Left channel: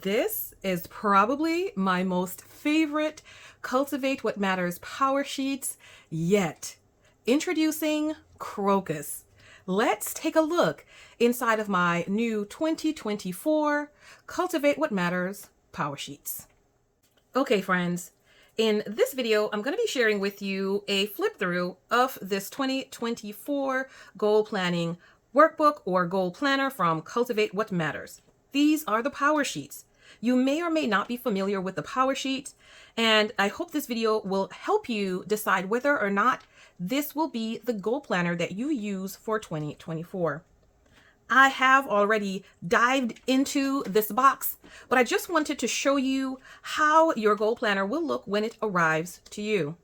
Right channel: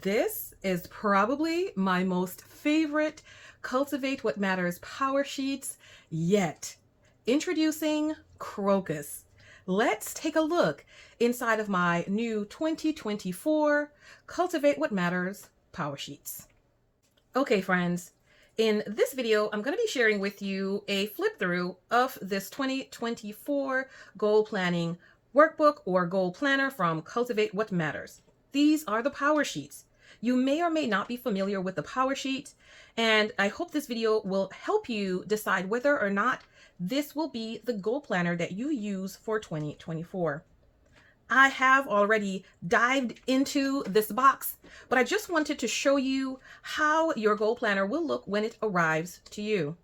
This is probably my most favorite Cultivate What Matters power sheets yet. Introducing Crocus. Let's take a look inside of my new 2024 Cultivate What Matters power sheets. Okay, friends, in this video, I'm going to be sharing with you a flip through of this 2024 goal planning workbook or goal planner from Cultivate What Matters. These are the power sheets. You may or may not be familiar with the power sheets, and I hope this video will help you decide whether or not this will be the goal planner that you use for 2024. I have already dived into this box, but I just wanted to show you how your goal planner will look when it arrives to you.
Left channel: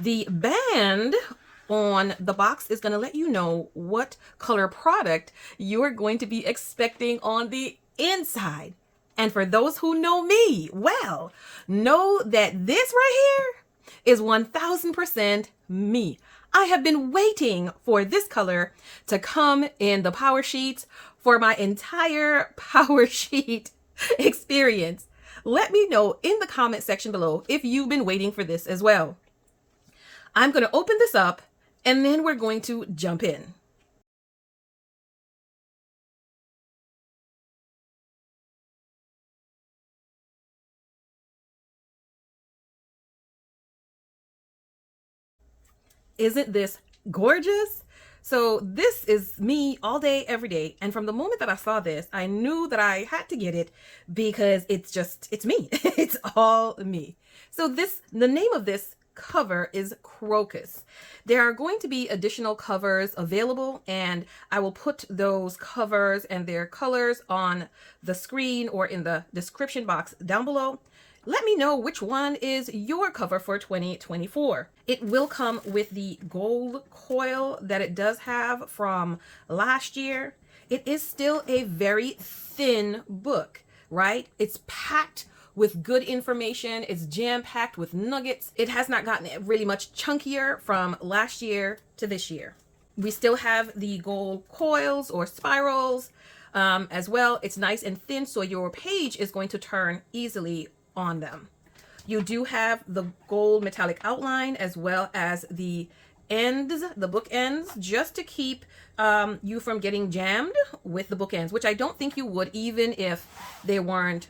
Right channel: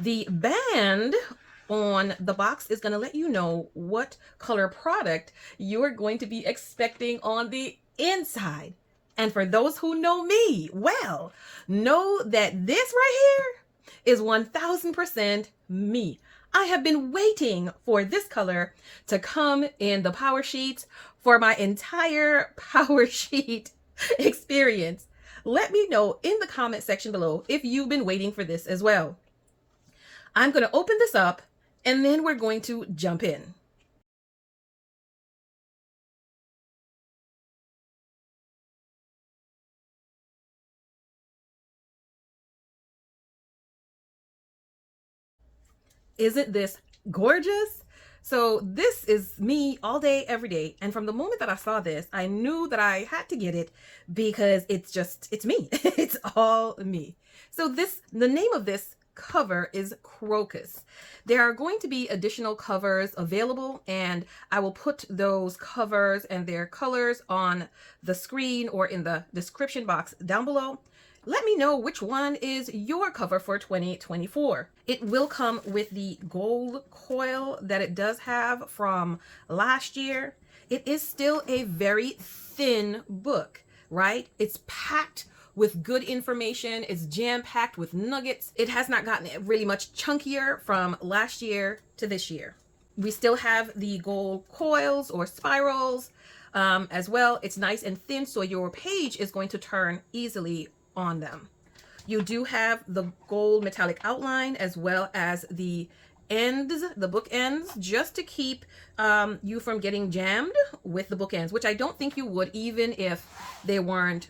The band on the box is going to let you know what color product you are going to be expecting on the inside. And for those who know me, well, know that this right here is 1000% me. I have been waiting for this color to come in the power sheets for my entire power sheet experience. Let me know in the comment section below if you've been waiting for this as well. I'm going to open this up and then we're going to jump in. Isn't this gorgeous? So this is me all day, every day. And from the moment that I saw this, I knew that I had to get it because it's me. It's all me. So the name of this cover is Crocus. There are going to be additional covers available, and I will put those covers and their colors on the screen or in the description box down below. Let me know which one is your cover for 2024. It will come with the gold coil that it does have from last year. It is still a very thin book, right? It's packed with good information. It's jam-packed with nuggets. It has not gotten really much chunkier from last year to this year. We still have the gold coils or spirals as well. It's nice and thin, so your page is going to turn easily on them. You do have the gold metallic outline as well as the ends, the book ends, just to keep you from getting jammed with the book ends, which I don't think you would even if they weren't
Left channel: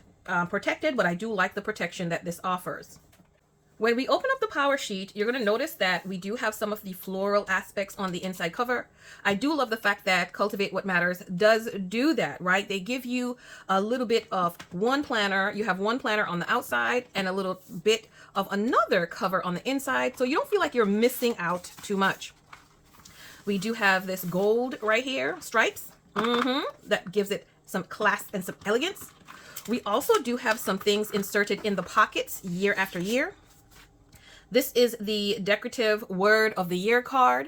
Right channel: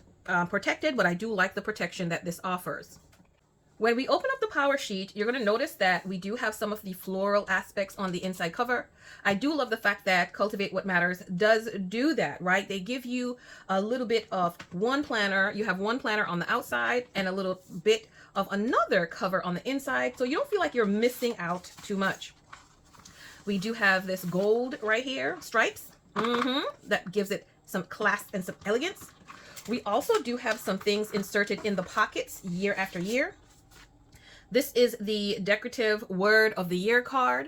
protected, but I do like the protection that this offers. When we open up the power sheet, you're going to notice that we do have some of the floral aspects on the inside cover. I do love the fact that Cultivate What Matters does do that, right? They give you a little bit of one planner. You have one planner on the outside and a little bit of another cover on the inside, so you don't feel like you're missing out too much. We do have this gold right here, stripes, that gives it some class and some elegance. We also do have some things inserted in the pockets year after year. This is the decorative word of the year card.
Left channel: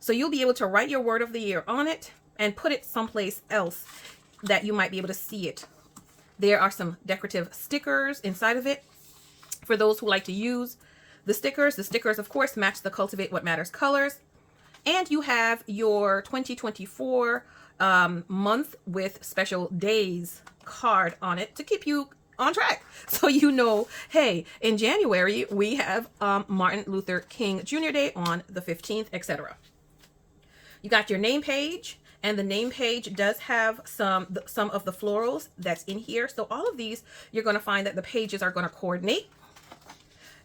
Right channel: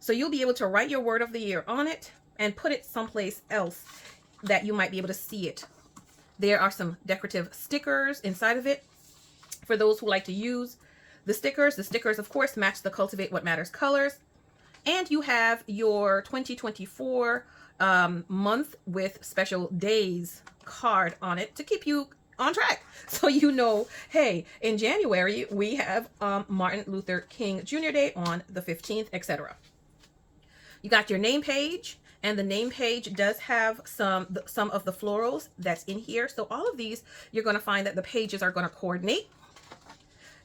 So you'll be able to write your word of the year on it and put it someplace else that you might be able to see it. There are some decorative stickers inside of it for those who like to use the stickers. The stickers, of course, match the Cultivate What Matters colors. And you have your 2024 month with special days card on it to keep you on track, so you know, hey, in January we have Martin Luther King Jr. Day on the 15th, etc. You got your name page, and the name page does have some of the florals that's in here. So all of these, you're going to find that the pages are going to coordinate.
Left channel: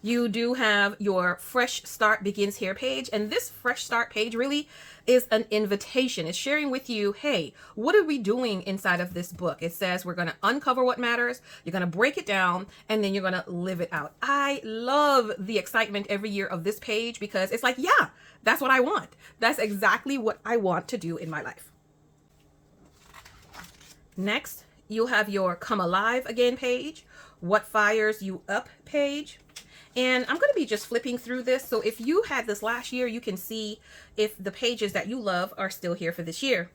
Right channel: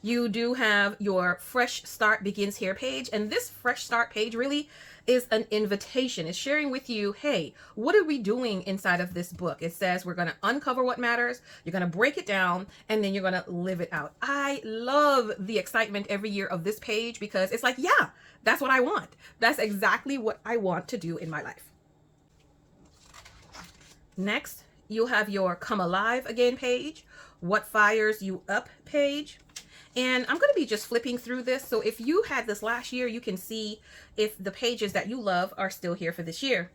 You do have your Fresh Start Begins Here page, and this Fresh Start page really is an invitation. It's sharing with you, hey, what are we doing inside of this book? It says we're going to uncover what matters, you're going to break it down, and then you're going to live it out. I love the excitement every year of this page because it's like, yeah, that's what I want. That's exactly what I want to do in my life. Next, you'll have your Come Alive Again page, What Fires You Up page. And I'm going to be just flipping through this. So if you had this last year, you can see if the pages that you love are still here for this year.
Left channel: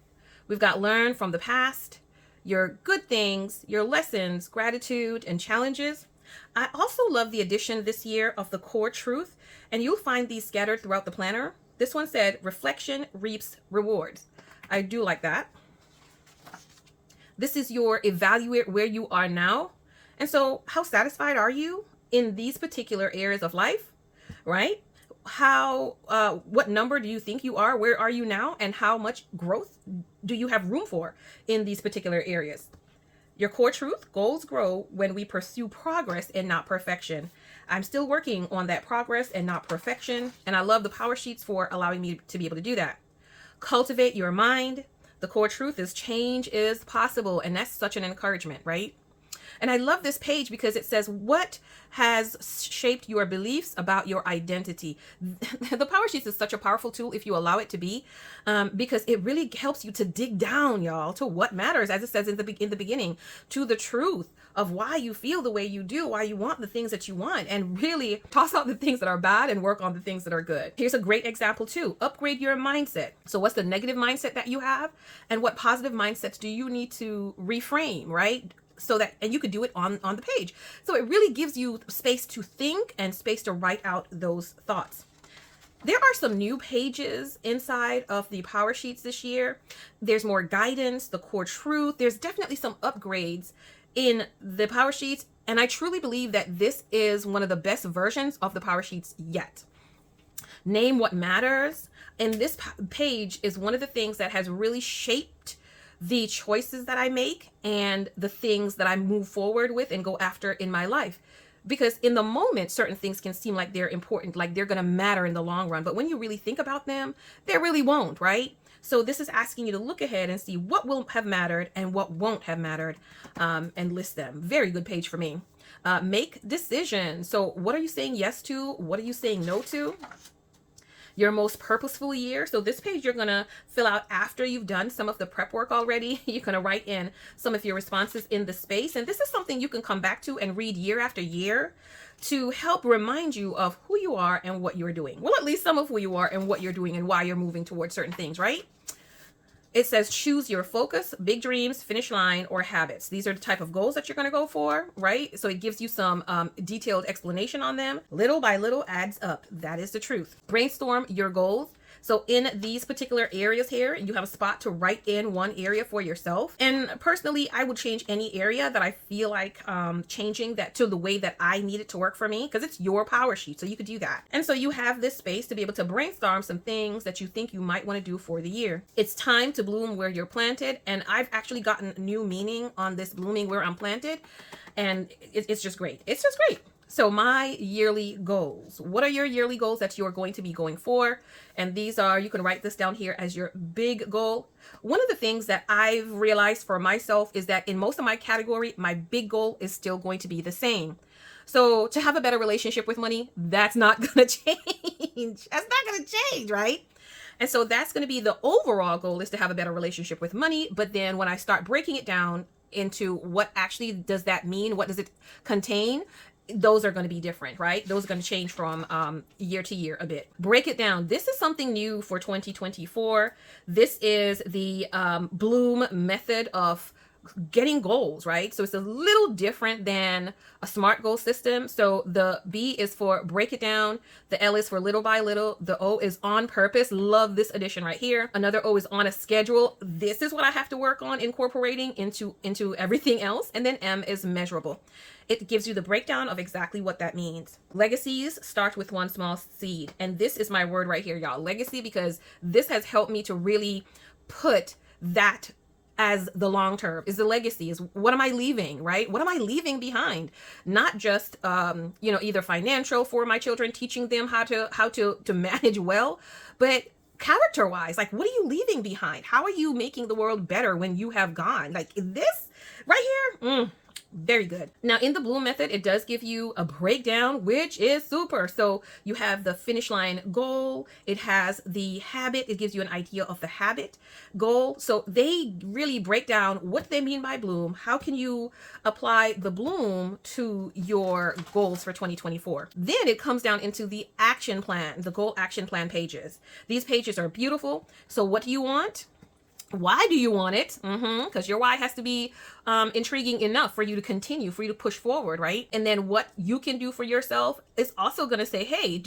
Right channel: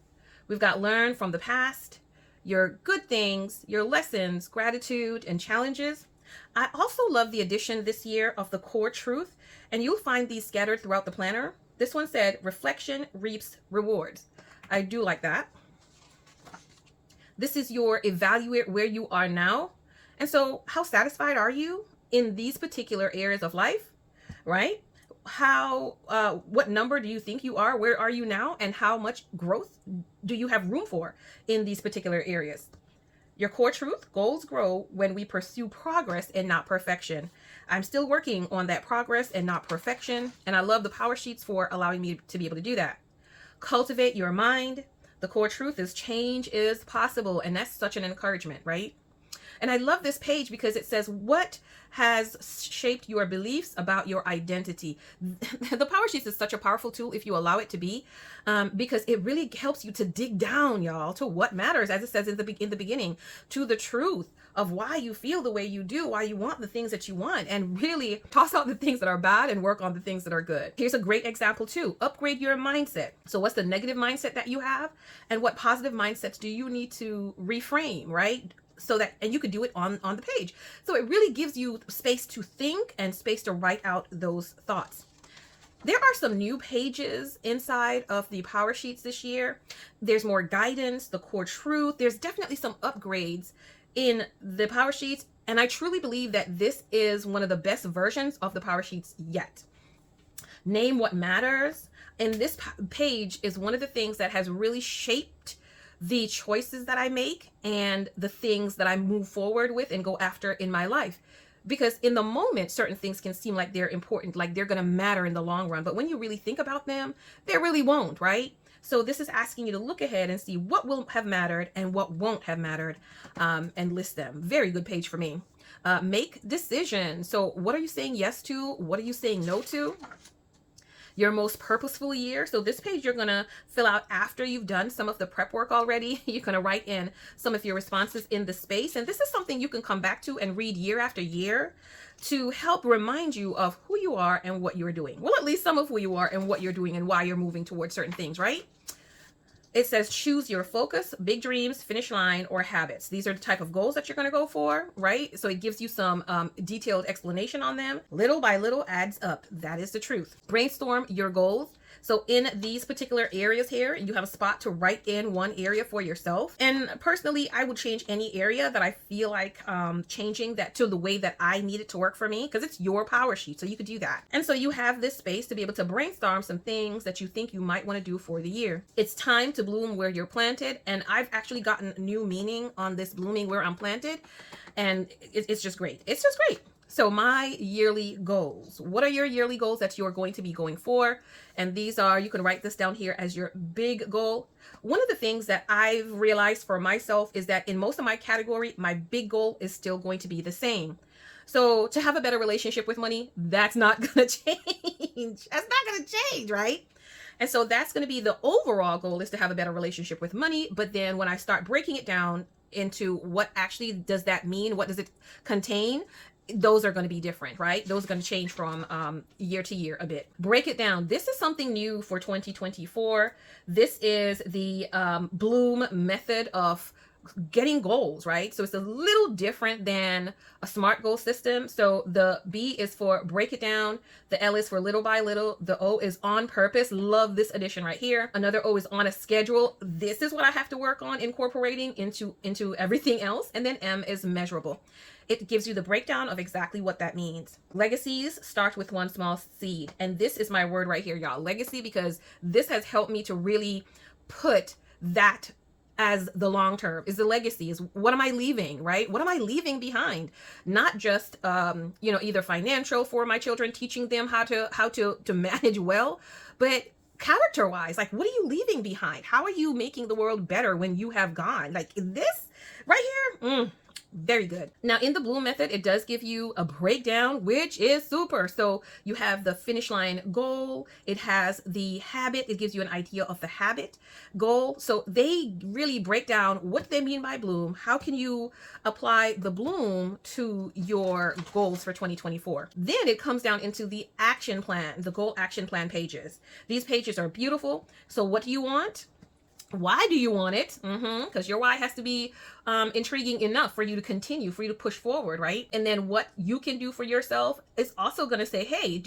We've got Learn from the Past, your good things, your lessons, gratitude, and challenges. I also love the addition this year of the Core Truth, and you'll find these scattered throughout the planner. This one said, Reflection Reaps Rewards. I do like that. This is your Evaluate Where You Are Now. And so how satisfied are you in these particular areas of life, right? What number do you think you are? Where are you now? And how much growth do you have room for in these particular areas? Your core truth: goals grow when we pursue progress and not perfection. I'm still working on that progress and not perfection. And I love the power sheets for allowing me to be able to do that. Cultivate your mind. The core truth is change is possible. And that's such an encouragement, right? And I love this page because it says, what has shaped your beliefs about your identity? The Power Sheets is such a powerful tool if you allow it to be, because it really helps you to dig down, y'all, to what matters, as it says in the beginning, to the truth of why you feel the way you do, why you want the things that you want, and really toss out the things that are bad and work on the things that are good. Here's a great example too. Upgrade your mindset. So what's the negative mindset that you have, and what positive mindsets do you need to reframe, right? So that, and you could do it on the page. So it really gives you space to think and space to write out those thoughts. There are some new pages inside of the Power Sheets this year. There's more guidance, the core truth. There's definitely some upgrades in the Power Sheets. And I truly believe that this is one of the best versions of the Power Sheets yet. Name what matters. And this page is one of the things that has really shaped the choices that I make and the things that I move forward with and go after in my life. Because in the moment, certain things can seem like they're important, like they're going to matter in the long run. But when you really think about them, they really won't, right? So this is asking you to look ahead and see what will have mattered and what won't have mattered, and list them. Very good page for me. Make decisions. So what are you saying yes to? What are you saying no to? Your most purposeful year. So this page you're going to fill out after you've done some of the prep work already. You're going to write in some of your responses in the space. And this is something you can come back to and read year after year to help remind you of who you are and what you're doing. Well, at least some of who you are and what you're doing and why you're moving towards certain things, right? It says choose your focus, big dreams, finish line, or habits. These are the type of goals that you're going to go for, right? So it gives you some detailed explanation on them. Little by little adds up. That is the truth. Brainstorm your goals. So in these particular areas here, you have a spot to write in one area for yourself. And personally, I would change any area that I feel like changing that to the way that I need it to work for me, because it's your power sheet. So you could do that. And so you have this space to be able to brainstorm some things that you think you might want to do for the year. It's time to bloom where you're planted. And I've actually gotten new meaning on this blooming where I'm planted. And it's just great. It's just great. So my yearly goals. What are your yearly goals that you're going to be going for? And these are, you can write this down here as your big goal. One of the things that I've realized for myself is that in most of my category, my big goal is still going to be the same. So to have a better relationship with money, that's not going to change. That's not going to change, right? And so that's going to be the overall goal, is to have a better relationship with money. But then when I start breaking it down into what actually does that mean, what does it contain, those are going to be different, right? Those are going to change from year to year a bit. Break it down. This is something new for 2024. This is the Bloom method of getting goals, right? So it's a little different than a SMART goal system. So the B is for break it down. The L is for little by little. The O is on purpose. Love this addition right here. Another O is on a schedule. This is what I have to work on incorporating into everything else. And then M is measurable. It gives you the breakdown of exactly what that means. Legacies start with one small seed. And this is my word right here, y'all. Legacy, because this has helped me to really put that as the long term. Is the legacy, is what am I leaving, right? What am I leaving behind? Not just either financial for my children, teaching them how to manage well, but character wise, like, what are you leaving behind? How are you making the world better when you have gone? Like this right here. Very good. Now in the Bloom method, it does give you a breakdown, which is super. So you have the finish line goal. It has the habit. It gives you an idea of the habit goal. So they really break down what they mean by Bloom. How can you apply the Bloom to your goals for 2024? Then it comes down into the action plan, the goal action plan pages. These pages are beautiful. So what do you want? Why do you want it? Because your why has to be intriguing enough for you to continue, for you to push forward, right? And then what you can do for yourself is also going to say, hey,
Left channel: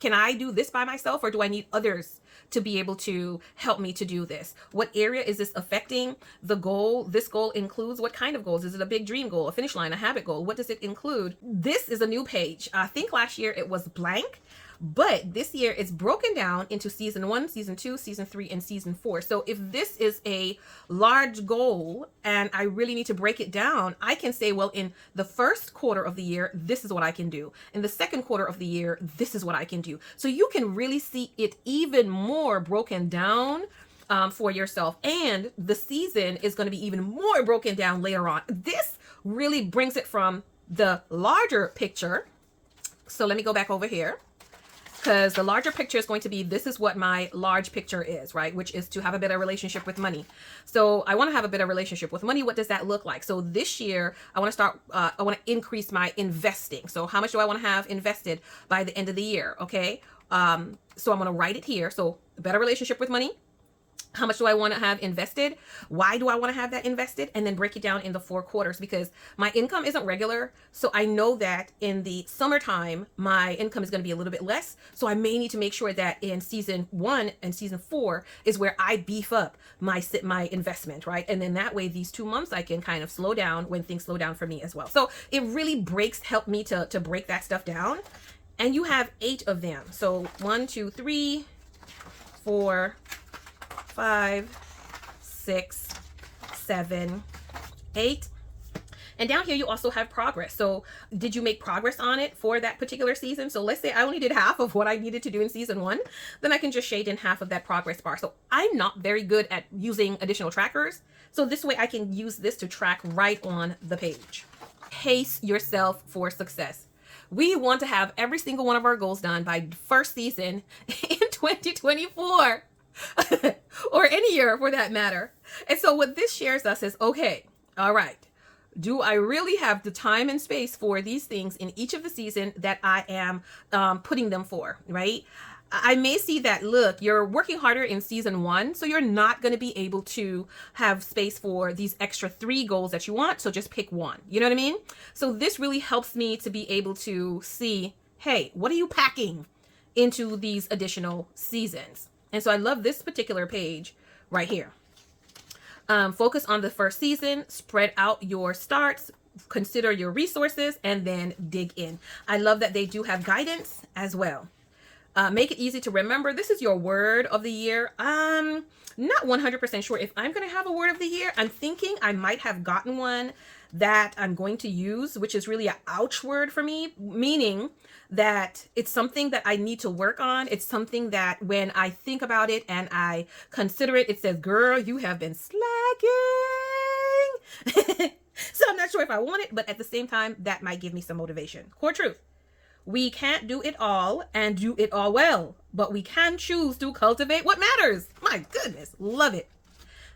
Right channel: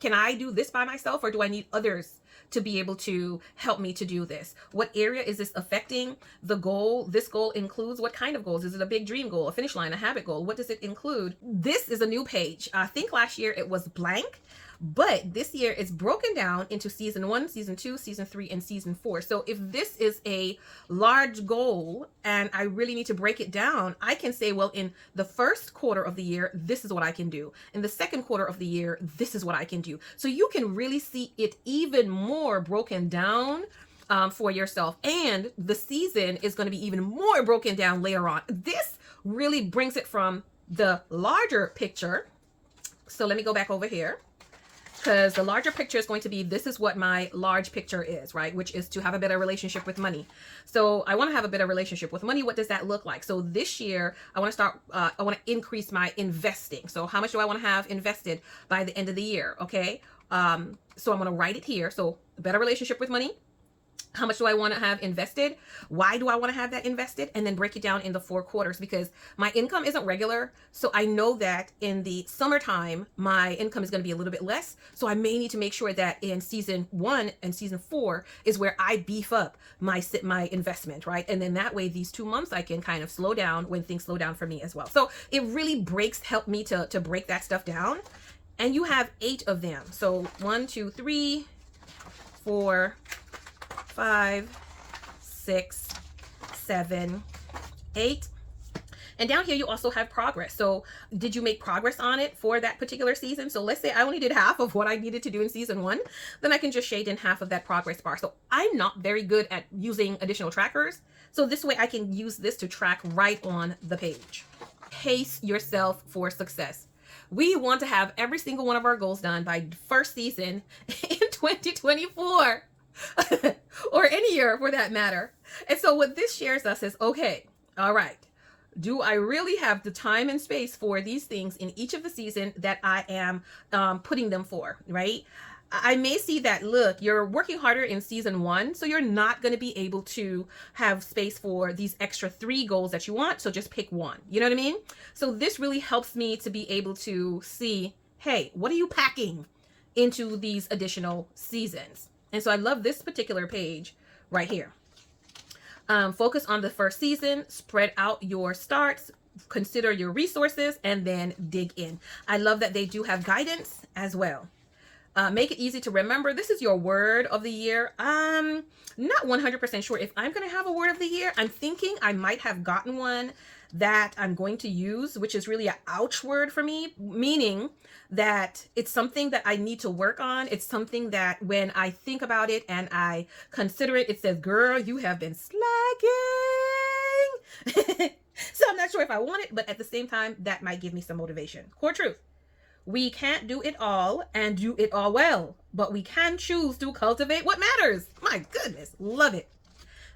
can I do this by myself, or do I need others to be able to help me to do this. What area is this affecting the goal? This goal includes what kind of goals? Is it a big dream goal, a finish line, a habit goal? What does it include? This is a new page. I think last year it was blank, but this year it's broken down into season 1, season 2, season 3, and season 4. So if this is a large goal and I really need to break it down, I can say, well, in the first quarter of the year, this is what I can do. In the second quarter of the year, this is what I can do. So you can really see it even more broken down for yourself. And the season is going to be even more broken down later on. This really brings it from the larger picture. So let me go back over here, because the larger picture is going to be, this is what my large picture is, right? Which is to have a better relationship with money. So I want to have a better relationship with money. What does that look like? So this year, I want to increase my investing. So how much do I want to have invested by the end of the year? Okay. So I'm going to write it here. So a better relationship with money. How much do I want to have invested? Why do I want to have that invested? And then break it down in the 4 quarters, because my income isn't regular. So I know that in the summertime, my income is going to be a little bit less. So I may need to make sure that in season 1 and season 4 is where I beef up my investment, right? And then that way, these 2 months, I can kind of slow down when things slow down for me as well. So it really help me to break that stuff down. And you have 8 of them. So 1, 2, 3, 4, 5, 6, 7, 8. And down here, you also have progress. So did you make progress on it for that particular season? So let's say I only did half of what I needed to do in season 1, then I can just shade in half of that progress bar. So I'm not very good at using additional trackers. So this way I can use this to track right on the page. Pace yourself for success. We want to have every single one of our goals done by first season in 2024. Or any year for that matter. And so what this shares us is, okay, all right, do I really have the time and space for these things in each of the season that I am putting them for, right? I may see that, look, you're working harder in season 1, so you're not going to be able to have space for these extra 3 goals that you want. So just pick one. You know what I mean? So this really helps me to be able to see, hey, what are you packing into these additional seasons? And so I love this particular page right here. Focus on the first season, spread out your starts, consider your resources, and then dig in. I love that they do have guidance as well. Make it easy to remember. This is your word of the year. I'm not 100% sure if I'm going to have a word of the year. I'm thinking I might have gotten one that I'm going to use, which is really an ouch word for me, meaning that it's something that I need to work on. It's something that when I think about it and I consider it, it says, girl, you have been slacking. So I'm not sure if I want it, but at the same time, that might give me some motivation. Core truth. We can't do it all and do it all well, but we can choose to cultivate what matters. My goodness, love it.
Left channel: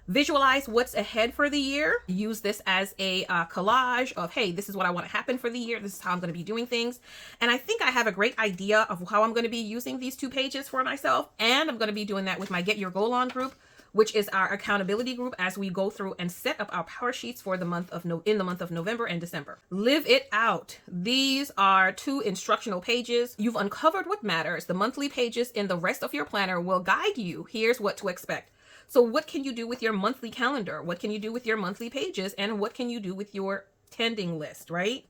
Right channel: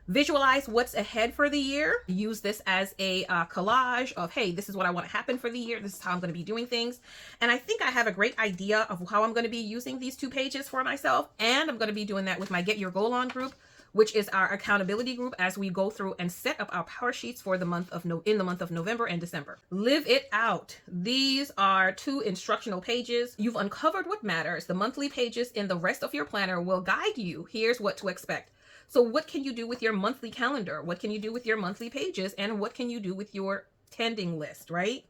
Visualize what's ahead for the year. Use this as a collage of, hey, this is what I want to happen for the year. This is how I'm going to be doing things. And I think I have a great idea of how I'm going to be using these 2 pages for myself. And I'm going to be doing that with my Get Your Goal On group, which is our accountability group as we go through and set up our power sheets for the month of November and December. Live it out. These are 2 instructional pages. You've uncovered what matters. The monthly pages and the rest of your planner will guide you. Here's what to expect. So what can you do with your monthly calendar? What can you do with your monthly pages? And what can you do with your tending list, right?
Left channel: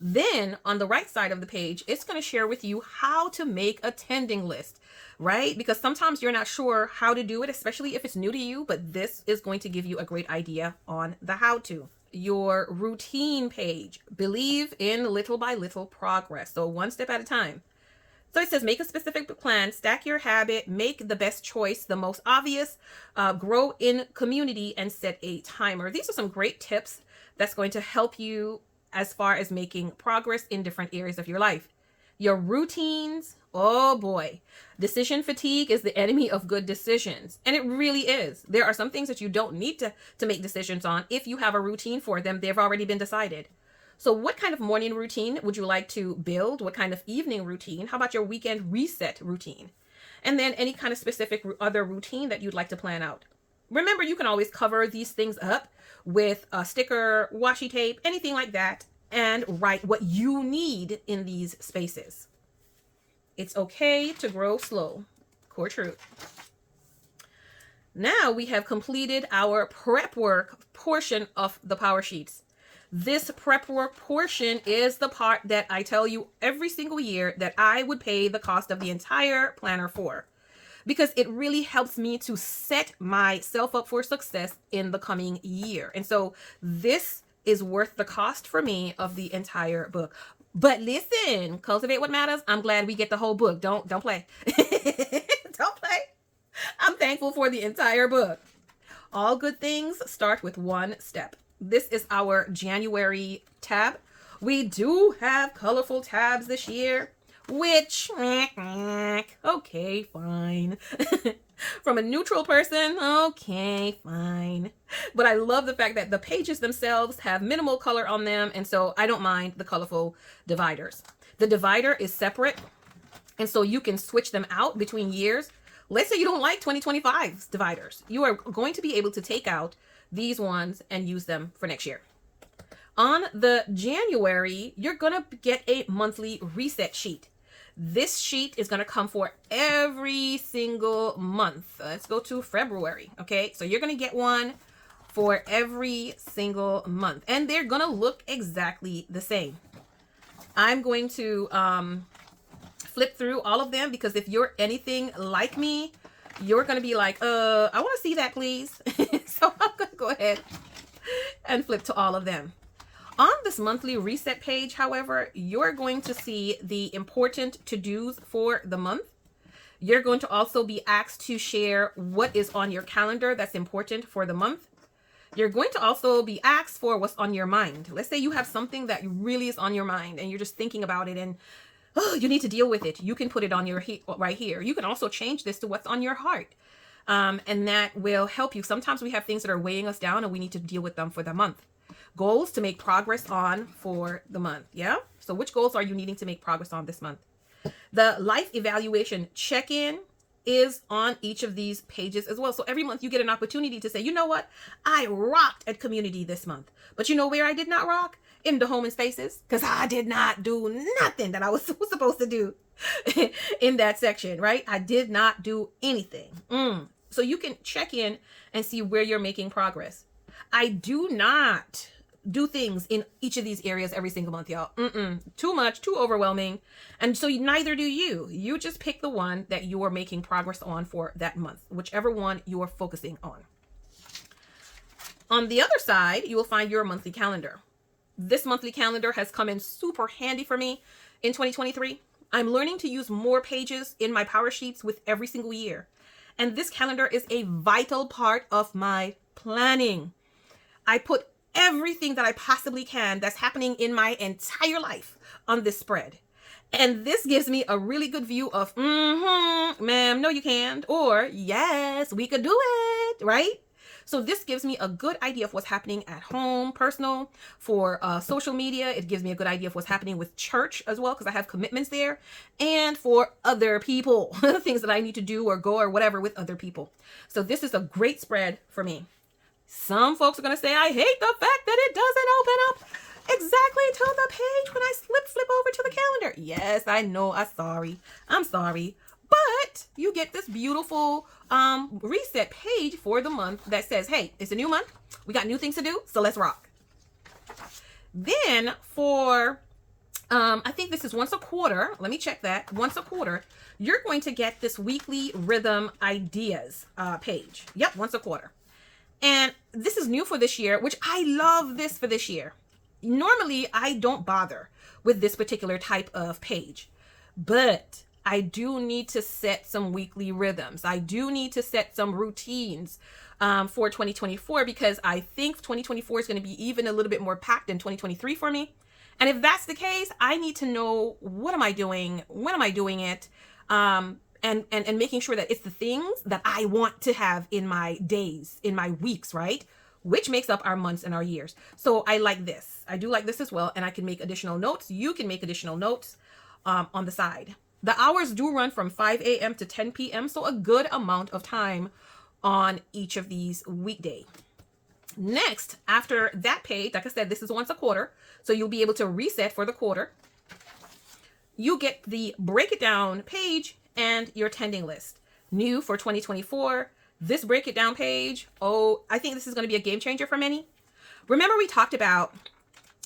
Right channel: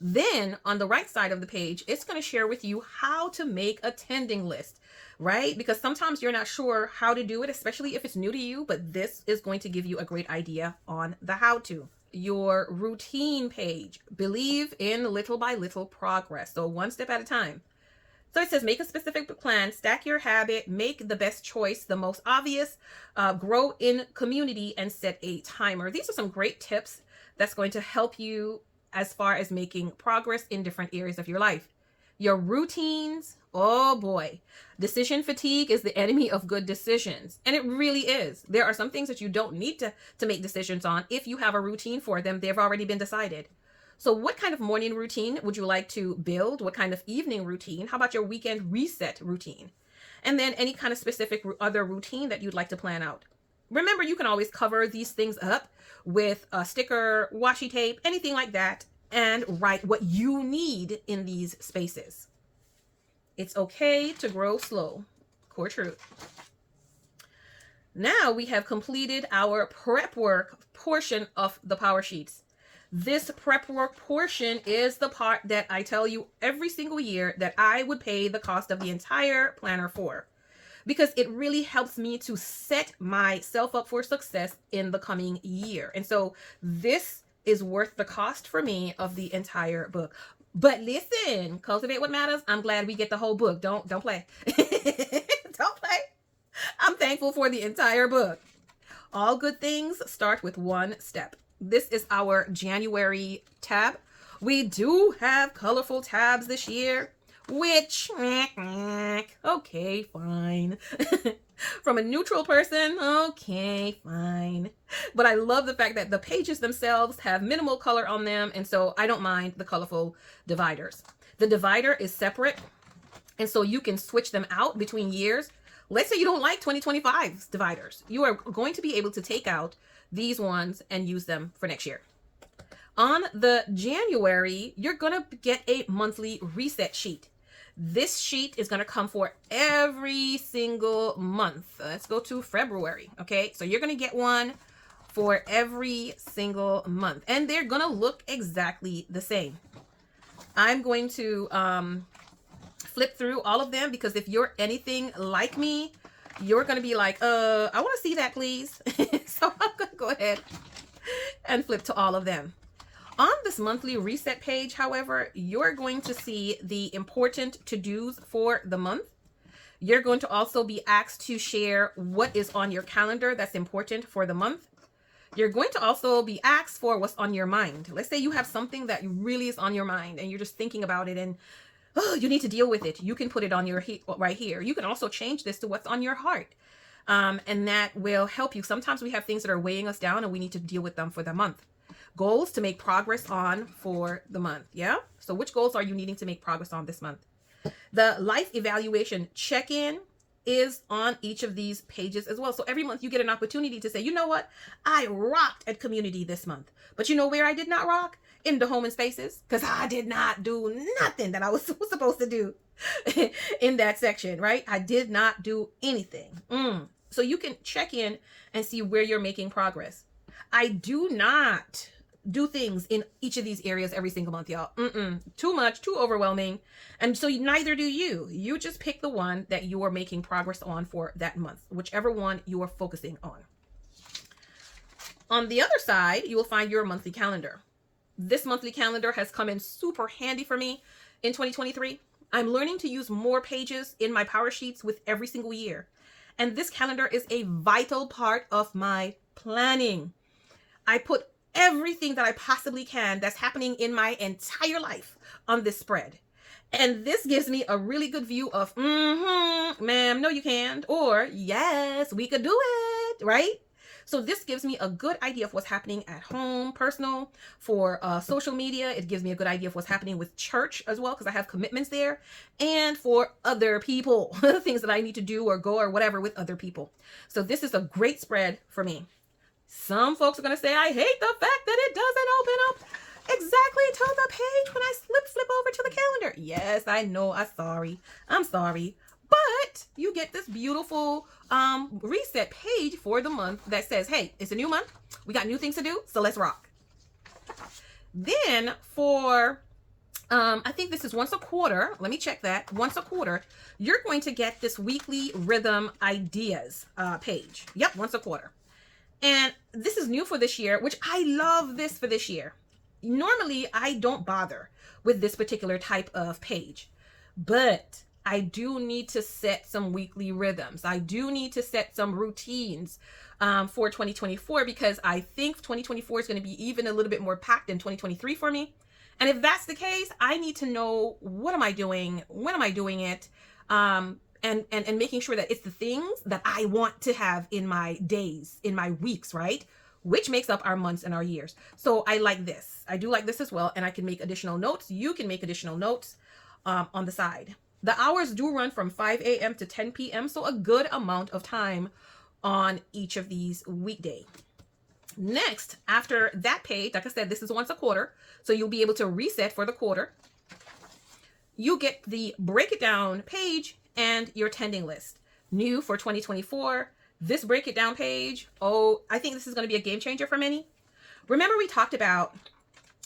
Then on the right side of the page, it's going to share with you how to make a tending list, right? Because sometimes you're not sure how to do it, especially if it's new to you, but this is going to give you a great idea on the how to. Your routine page. Believe in little by little progress. So 1 step at a time. So it says, make a specific plan, stack your habit, make the best choice, the most obvious, grow in community, and set a timer. These are some great tips that's going to help you as far as making progress in different areas of your life. Your routines, oh boy. Decision fatigue is the enemy of good decisions. And it really is. There are some things that you don't need to make decisions on. If you have a routine for them, they've already been decided. So what kind of morning routine would you like to build? What kind of evening routine? How about your weekend reset routine? And then any kind of specific other routine that you'd like to plan out. Remember, you can always cover these things up with a sticker, washi tape, anything like that, and write what you need in these spaces. It's okay to grow slow. Core truth. Now we have completed our prep work portion of the Power Sheets. This prep work portion is the part that I tell you every single year that I would pay the cost of the entire planner for, because it really helps me to set myself up for success in the coming year. And so this is worth the cost for me of the entire book. But listen, Cultivate What Matters, I'm glad we get the whole book. Don't play. Don't play. I'm thankful for the entire book. All good things start with one step. This is our January tab. We do have colorful tabs this year, which, okay, fine. From a neutral person, okay, fine. But I love the fact that the pages themselves have minimal color on them, and so I don't mind the colorful dividers. The divider is separate, and so you can switch them out between years. Let's say you don't like 2025's dividers. You are going to be able to take out these ones and use them for next year. On the January, you're going to get a monthly reset sheet. This sheet is going to come for every single month. Let's go to February. Okay, so you're going to get one for every single month, and they're going to look exactly the same. I'm going to flip through all of them, because if you're anything like me, you're going to be like, I want to see that, please. So I'm going to go ahead and flip to all of them. On this monthly reset page, however, you're going to see the important to-dos for the month. You're going to also be asked to share what is on your calendar that's important for the month. You're going to also be asked for what's on your mind. Let's say you have something that really is on your mind and you're just thinking about it, and you need to deal with it. You can put it on your right here. You can also change this to what's on your heart. And that will help you. Sometimes we have things that are weighing us down and we need to deal with them for the month. Goals to make progress on for the month. Yeah? So which goals are you needing to make progress on this month? The life evaluation check-in is on each of these pages as well. So every month you get an opportunity to say, you know what? I rocked at community this month. But you know where I did not rock? In the home and spaces. Because I did not do nothing that I was supposed to do in that section, right? I did not do anything. So you can check in and see where you're making progress. I do not do things in each of these areas every single month, y'all. Too much, too overwhelming. And so neither do you. You just pick the one that you are making progress on for that month, whichever one you are focusing on. On the other side, you will find your monthly calendar. This monthly calendar has come in super handy for me in 2023. I'm learning to use more pages in my Power Sheets with every single year. And this calendar is a vital part of my planning. I put everything that I possibly can that's happening in my entire life on this spread. And this gives me a really good view of, ma'am, no you can't, or yes, we could do it, right? So this gives me a good idea of what's happening at home, personal, for social media. It gives me a good idea of what's happening with church as well, because I have commitments there, and for other people, things that I need to do or go or whatever with other people. So this is a great spread for me. Some folks are going to say, I hate the fact that it doesn't open up exactly to the page when I flip over to the calendar. Yes, I know. I'm sorry. But you get this beautiful reset page for the month that says, hey, it's a new month. We got new things to do, so let's rock. Then for, I think this is once a quarter. Let me check that. Once a quarter, you're going to get this weekly rhythm ideas page. Yep, once a quarter. And this is new for this year, which I love this for this year. Normally, I don't bother with this particular type of page, but I do need to set some weekly rhythms. I do need to set some routines for 2024, because I think 2024 is going to be even a little bit more packed than 2023 for me. And if that's the case, I need to know, what am I doing? When am I doing it? And making sure that it's the things that I want to have in my days, in my weeks, right? Which makes up our months and our years. So I like this. I do like this as well. And I can make additional notes. You can make additional notes on the side. The hours do run from 5 a.m. to 10 p.m. So a good amount of time on each of these weekdays. Next, after that page, like I said, this is once a quarter. So you'll be able to reset for the quarter. You get the break it down page and your attending list. New for 2024, This break it down page, oh, I think this is going to be a game changer for many. Remember we talked about,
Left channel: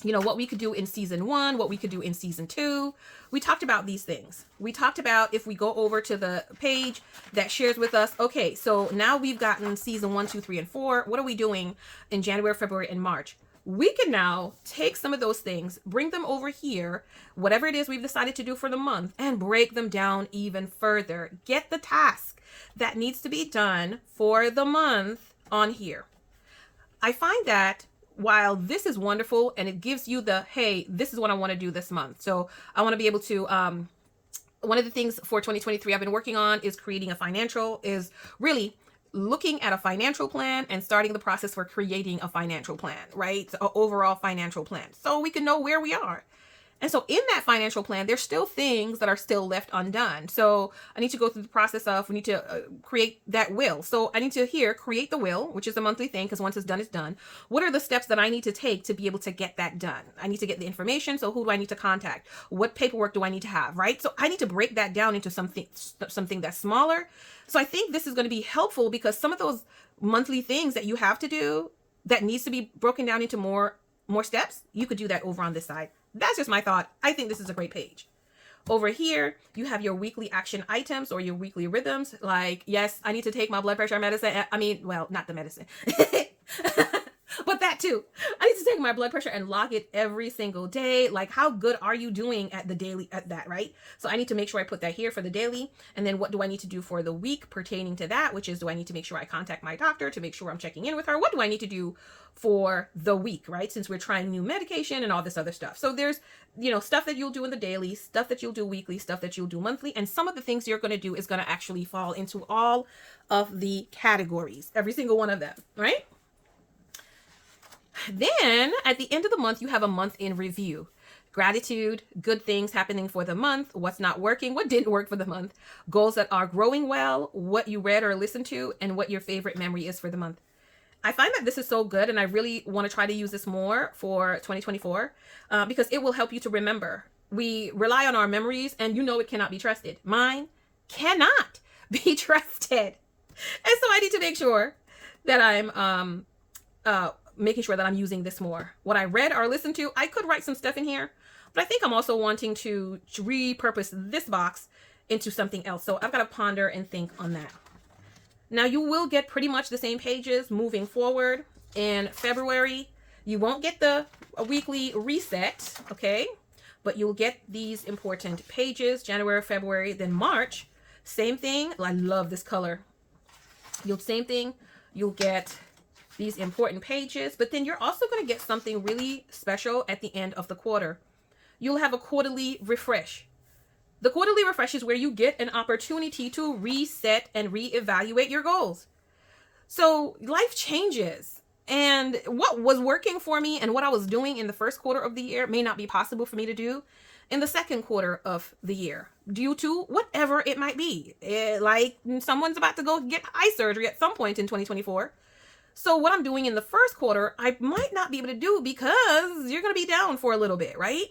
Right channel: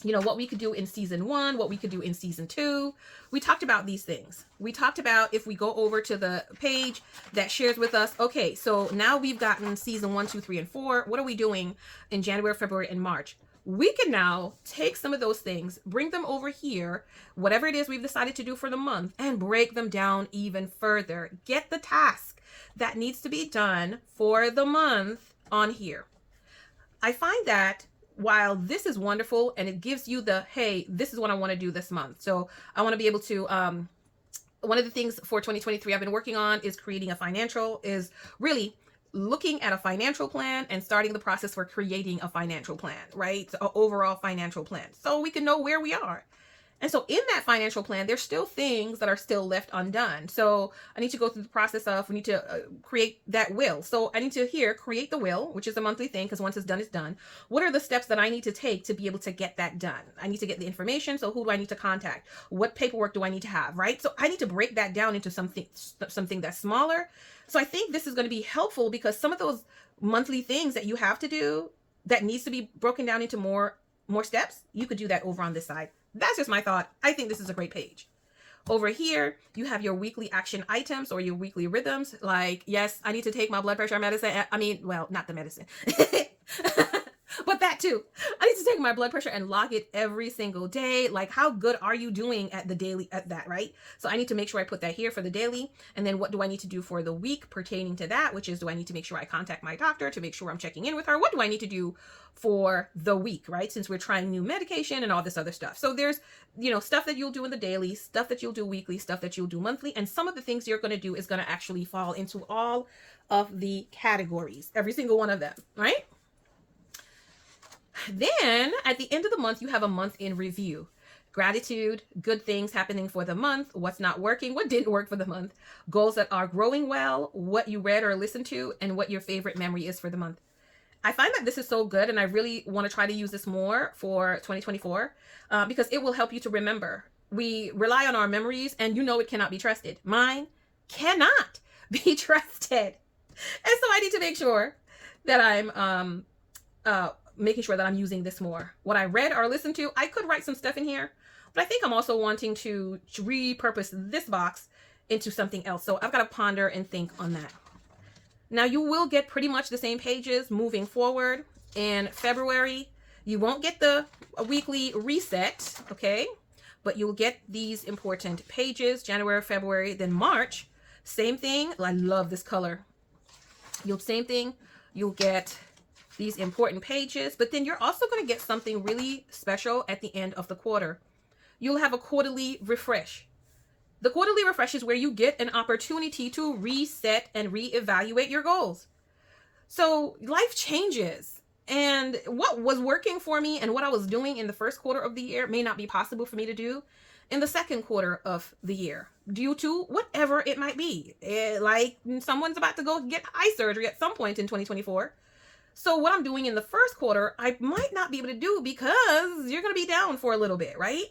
what we could do in season 1, what we could do in season 2. We talked about these things. We talked about, if we go over to the page that shares with us, okay, so now we've gotten season 1, 2, 3, and 4. What are we doing in January, February, and March? We can now take some of those things, bring them over here, whatever it is we've decided to do for the month, and break them down even further. Get the task that needs to be done for the month on here. I find that while this is wonderful and it gives you the, hey, this is what I want to do this month. So I want to be able to, one of the things for 2023 I've been working on is creating a financial, is really looking at a financial plan and starting the process for creating a financial plan, right? So an overall financial plan, so we can know where we are. And so in that financial plan, there's still things that are still left undone. So I need to go through the process of, we need to create that will. So I need to create the will, which is a monthly thing, because once it's done, it's done. What are the steps that I need to take to be able to get that done? I need to get the information. So who do I need to contact? What paperwork do I need to have, right? So I need to break that down into something that's smaller. So I think this is going to be helpful, because some of those monthly things that you have to do that needs to be broken down into more steps, you could do that over on this side. That's just my thought. I think this is a great page. Over here, you have your weekly action items or your weekly rhythms. Like, yes, I need to take my blood pressure medicine. Well, not the medicine, but that too. I need to take my blood pressure and log it every single day. Like, how good are you doing at the daily, at that, right? So I need to make sure I put that here for the daily. And then what do I need to do for the week pertaining to that, which is, do I need to make sure I contact my doctor to make sure I'm checking in with her? What do I need to do for the week, right? Since we're trying new medication and all this other stuff. So there's, stuff that you'll do in the daily, stuff that you'll do weekly, stuff that you'll do monthly. And some of the things you're going to do is going to actually fall into all of the categories, every single one of them, right? Then at the end of the month, you have a month in review. Gratitude, good things happening for the month, what's not working, what didn't work for the month, goals that are growing well, what you read or listened to, and what your favorite memory is for the month. I find that this is so good, and I really want to try to use this more for 2024 because it will help you to remember. We rely on our memories, and it cannot be trusted. Mine cannot be trusted. And so I need to make sure that I'm making sure that I'm using this more. What I read or listened to, I could write some stuff in here, but I think I'm also wanting to repurpose this box into something else. So I've got to ponder and think on that. Now you will get pretty much the same pages moving forward. In February, you won't get the weekly reset, okay? But you'll get these important pages, January, February, then March. Same thing. I love this color. Same thing. You'll get these important pages, but then you're also going to get something really special at the end of the quarter. You'll have a quarterly refresh. The quarterly refresh is where you get an opportunity to reset and reevaluate your goals. So life changes, and what was working for me and what I was doing in the first quarter of the year may not be possible for me to do in the second quarter of the year, due to whatever it might be. Like someone's about to go get eye surgery at some point in 2024. So what I'm doing in the first quarter, I might not be able to do because you're going to be down for a little bit, right?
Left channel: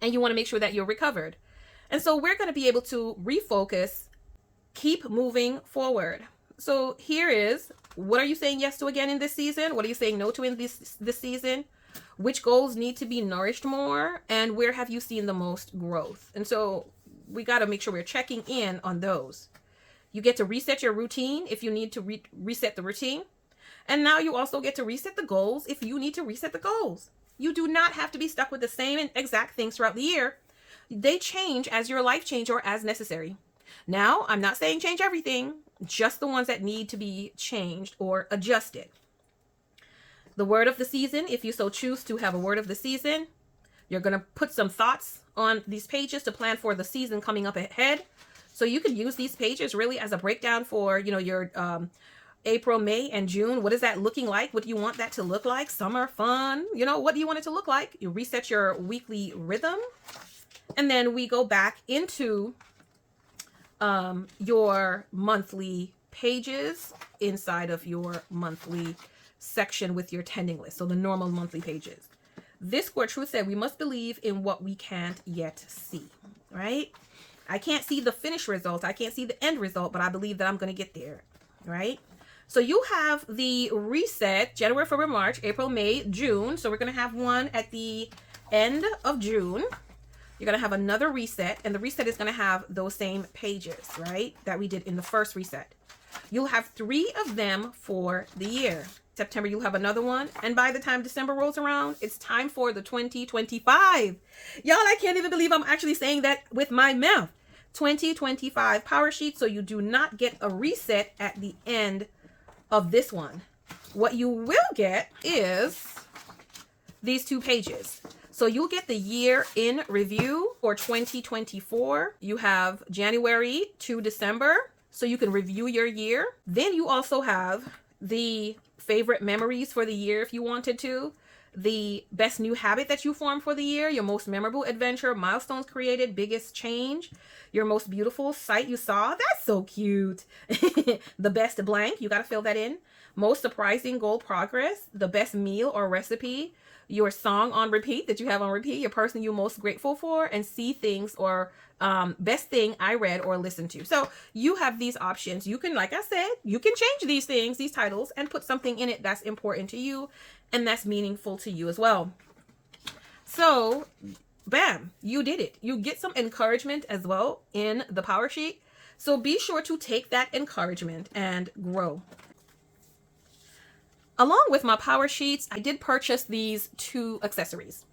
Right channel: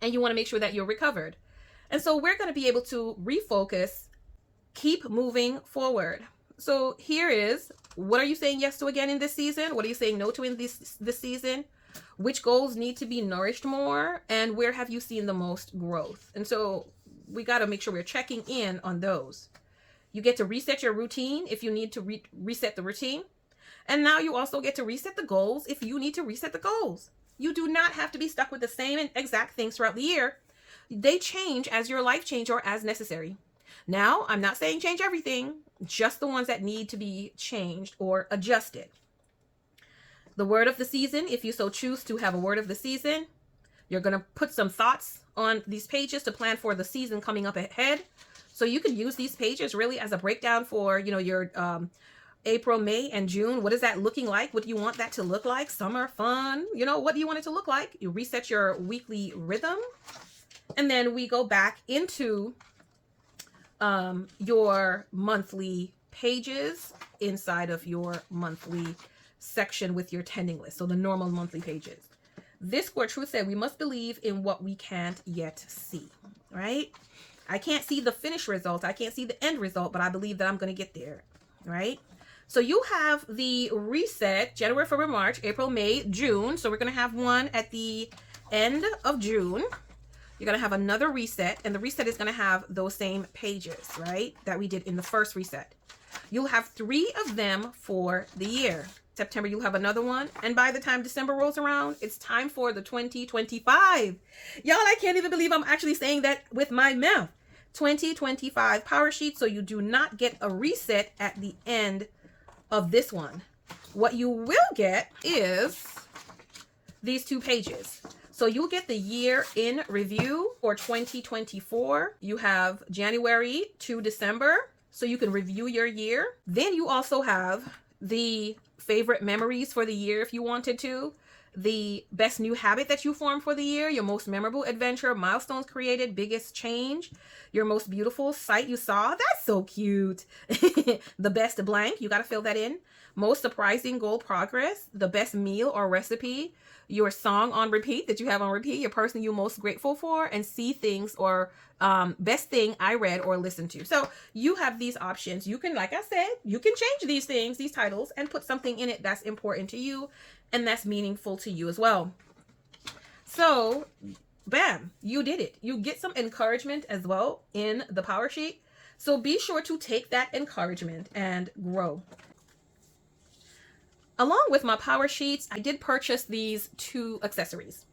And you want to make sure that you're recovered. And so we're going to be able to refocus, keep moving forward. So here is, what are you saying yes to again in this season? What are you saying no to in this season? Which goals need to be nourished more? And where have you seen the most growth? And so we got to make sure we're checking in on those. You get to reset your routine if you need to reset the routine. And now you also get to reset the goals if you need to reset the goals. You do not have to be stuck with the same and exact things throughout the year. They change as your life change or as necessary. Now, I'm not saying change everything, just the ones that need to be changed or adjusted. The word of the season, if you so choose to have a word of the season, you're going to put some thoughts on these pages to plan for the season coming up ahead. So you can use these pages really as a breakdown for, your April, May, and June. What is that looking like? What do you want that to look like? Summer, fun, what do you want it to look like? You reset your weekly rhythm. And then we go back into your monthly pages inside of your monthly section with your tending list. So the normal monthly pages. This core truth said we must believe in what we can't yet see, right? I can't see the finished result. I can't see the end result, but I believe that I'm going to get there. right? So you have the reset January, February, March, April, May, June. So we're going to have one at the end of June. You're going to have another reset, and the reset is going to have those same pages, right, that we did in the first reset. You'll have 3 of them for the year. September, you'll have another one. And by the time December rolls around, it's time for the 2025. Y'all, I can't even believe I'm actually saying that with my mouth. 2025 Power Sheet. So you do not get a reset at the end of this one. What you will get is these 2 pages. So you'll get the year in review for 2024. You have January to December, so you can review your year. Then you also have the favorite memories for the year if you wanted to, the best new habit that you formed for the year, your most memorable adventure, milestones created, biggest change, your most beautiful sight you saw. That's so cute. The best blank, you got to fill that in. Most surprising goal progress, the best meal or recipe, your song on repeat that you have on repeat, your person you're most grateful for, and see things or best thing I read or listened to. So you have these options. You can, like I said, you can change these things, these titles, and put something in it that's important to you and that's meaningful to you as well. So bam, you did it. You get some encouragement as well in the Power Sheet. So be sure to take that encouragement and grow. Along with my Power Sheets, I did purchase these 2 accessories.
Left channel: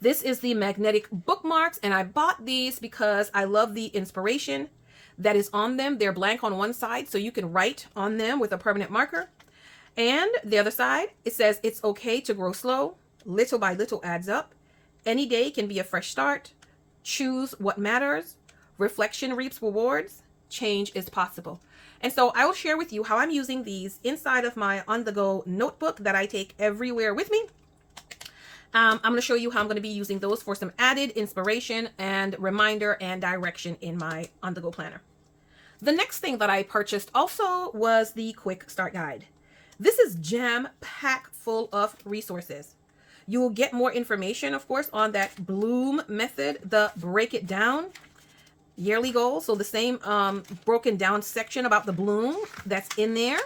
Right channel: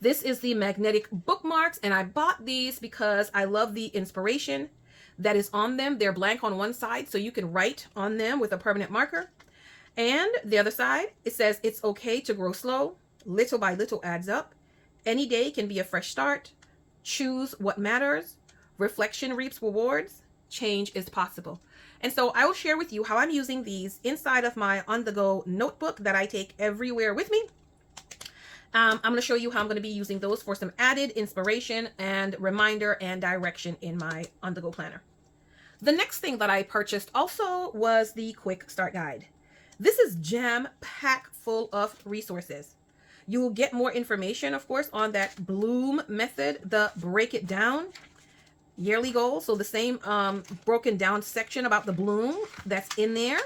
This is the magnetic bookmarks, and I bought these because I love the inspiration that is on them. They're blank on one side, so you can write on them with a permanent marker. And the other side, it says it's okay to grow slow. Little by little adds up. Any day can be a fresh start. Choose what matters. Reflection reaps rewards. Change is possible. And so I will share with you how I'm using these inside of my on-the-go notebook that I take everywhere with me. I'm going to show you how I'm going to be using those for some added inspiration and reminder and direction in my on-the-go planner. The next thing that I purchased also was the quick start guide. This is jam-packed full of resources. You will get more information, of course, on that Bloom method, the break it down yearly goals. So the same broken down section about the Bloom that's in there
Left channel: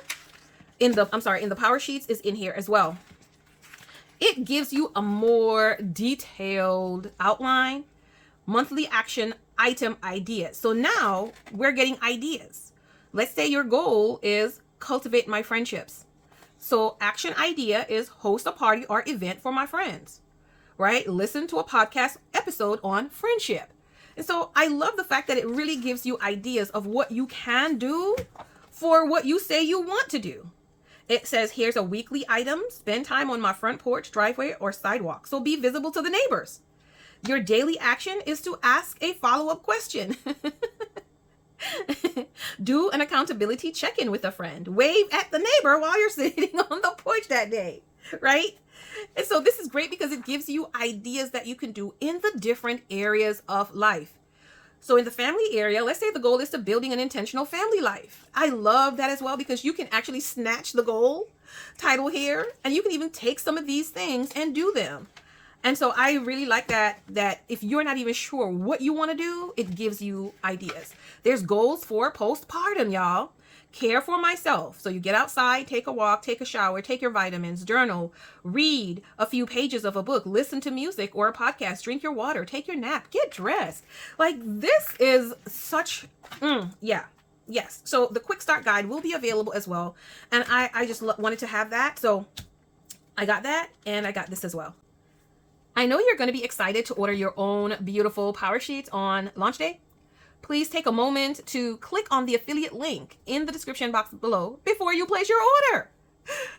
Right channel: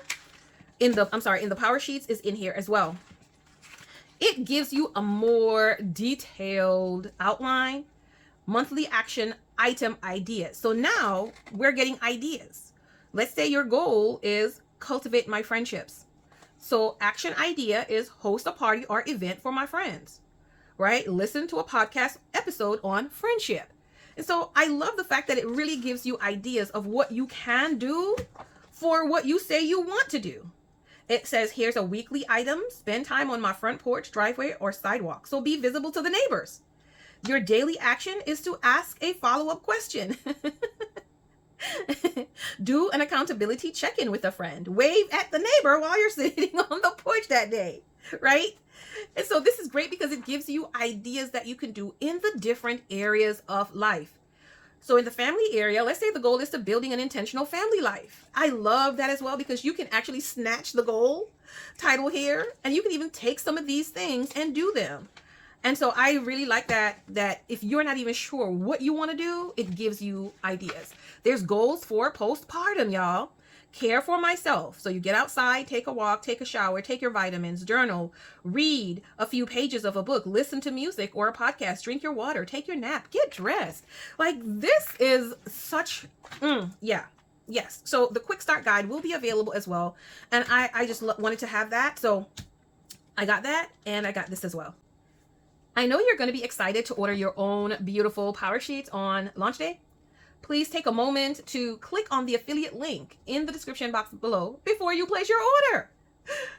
in the Power Sheets is in here as well. It gives you a more detailed outline, monthly action item ideas. So now we're getting ideas. Let's say your goal is cultivate my friendships. So action idea is host a party or event for my friends, right? Listen to a podcast episode on friendship. And so I love the fact that it really gives you ideas of what you can do for what you say you want to do. It says, here's a weekly item. Spend time on my front porch, driveway, or sidewalk. So be visible to the neighbors. Your daily action is to ask a follow-up question. Do an accountability check-in with a friend. Wave at the neighbor while you're sitting on the porch that day, right? And so this is great because it gives you ideas that you can do in the different areas of life. So in the family area, let's say the goal is to building an intentional family life. I love that as well because you can actually snatch the goal title here and you can even take some of these things and do them. And so I really like that if you're not even sure what you want to do, it gives you ideas. There's goals for postpartum, y'all. Care for myself. So you get outside, take a walk, take a shower, take your vitamins, journal, read a few pages of a book, listen to music or a podcast, drink your water, take your nap, get dressed. Like this is such, yes. So the quick start guide will be available as well. And I just wanted to have that. So I got that and I got this as well. I know you're going to be excited to order your own beautiful Power Sheets on launch day. Please take a moment to click on the affiliate link in the description box below before you place your order.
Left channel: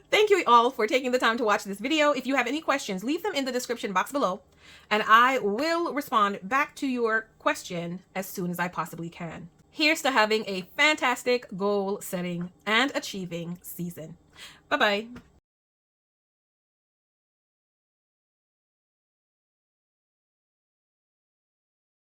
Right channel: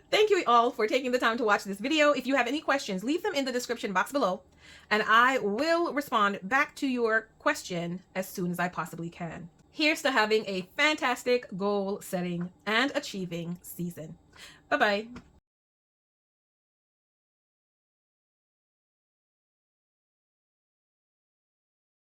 Thank you all for taking the time to watch this video. If you have any questions, leave them in the description box below, and I will respond back to your question as soon as I possibly can. Here's to having a fantastic goal setting and achieving season. Bye-bye.